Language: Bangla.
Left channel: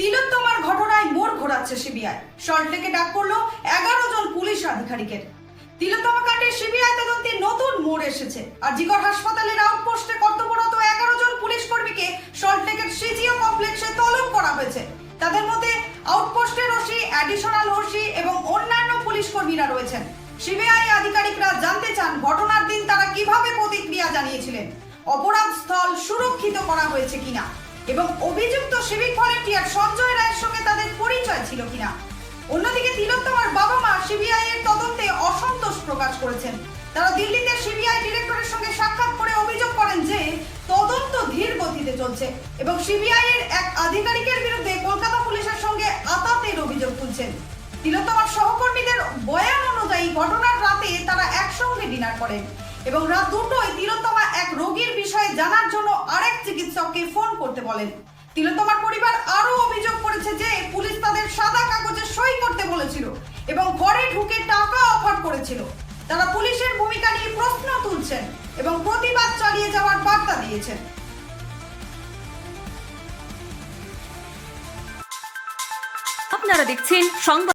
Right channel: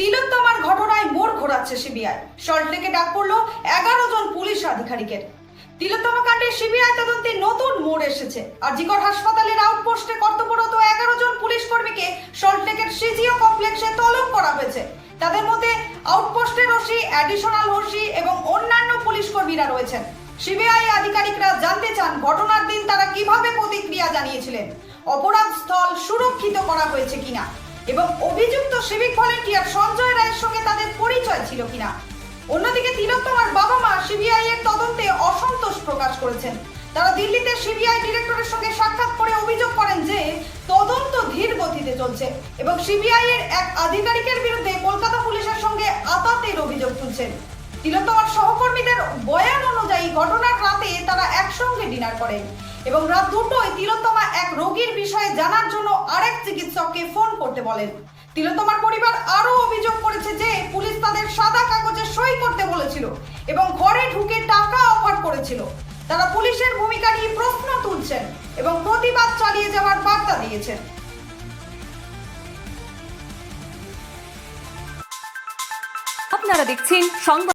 তিলোত্তমার ঘটনায় মোড় ঘোরাচ্ছে সিবিআই। সল্টলেকে ডাক পড়ল 11 জন পুলিশ আধিকারিকের। তিলোত্তমা কাণ্ডে সিবিআই তদন্তে নতুন মোড় এসেছে। আরজিকর হাসপাতালের আউটপোস্টে কর্তব্যরত 11 জন পুলিশ কর্মীকে সল্টলেকের সিজিও কমপ্লেক্সে তলব করা হয়েছে। তাদের মধ্যে আউটপোস্টের ওসি, অ্যাডিশনাল ওসি এবং অন্যান্য পুলিশ কর্মীরা রয়েছেন। সিবিআই আধিকারিকরা জানতে চান ঘটনার দিন তারা কিভাবে প্রতিক্রিয়া জানিয়েছিলেন, অপরাধ স্থল সুরক্ষিত করা হয়েছে কিনা এবং অভিযুক্ত সিভিক ভলেন্টিয়ার সঞ্জয় রায়ের সঙ্গে তাদের পরিচয় ছিল কিনা। অন্যদিকে তিলোত্তমার বাবা মা সিবিআই এর তদন্তে অসন্তোষ প্রকাশ করেছেন। তারা দিল্লিতে সিবিআই ডিরেক্টরের সঙ্গে সাক্ষাৎ করে অভিযোগ করেন যে তদন্ত ধীর গতিতে চলছে এবং সিবিআই এর এক আধিকারিকের বিরুদ্ধে কলকাতা পুলিশের সঙ্গে আতাতের অভিযোগ তুলছেন। তিলোত্তমার সহকর্মীদের বয়ান অনুযায়ী ঘটনার রাতে তারা একসঙ্গে ডিনার করেন এবং রাত 2টোয় তিলোত্তমা এক রোগীর বিষয়ে জানার জন্য আরেক চিকিৎসককে ফোন করতে বলেন। তিলোত্তমার পরিবার আরো অভিযোগ করেছে যে পুলিশ তাদের সাদা কাগজে সই করতে বলেছিল এবং ঘরে ঢুকে টাকা অফার করেছিল। তারা পুলিশের ভূমিকা নিয়ে প্রশ্ন তুলছেন এবং প্রতিবাদ চালিয়ে যাওয়ার বার্তা দিয়েছেন। আপনারা দেখছেন সংবাদ।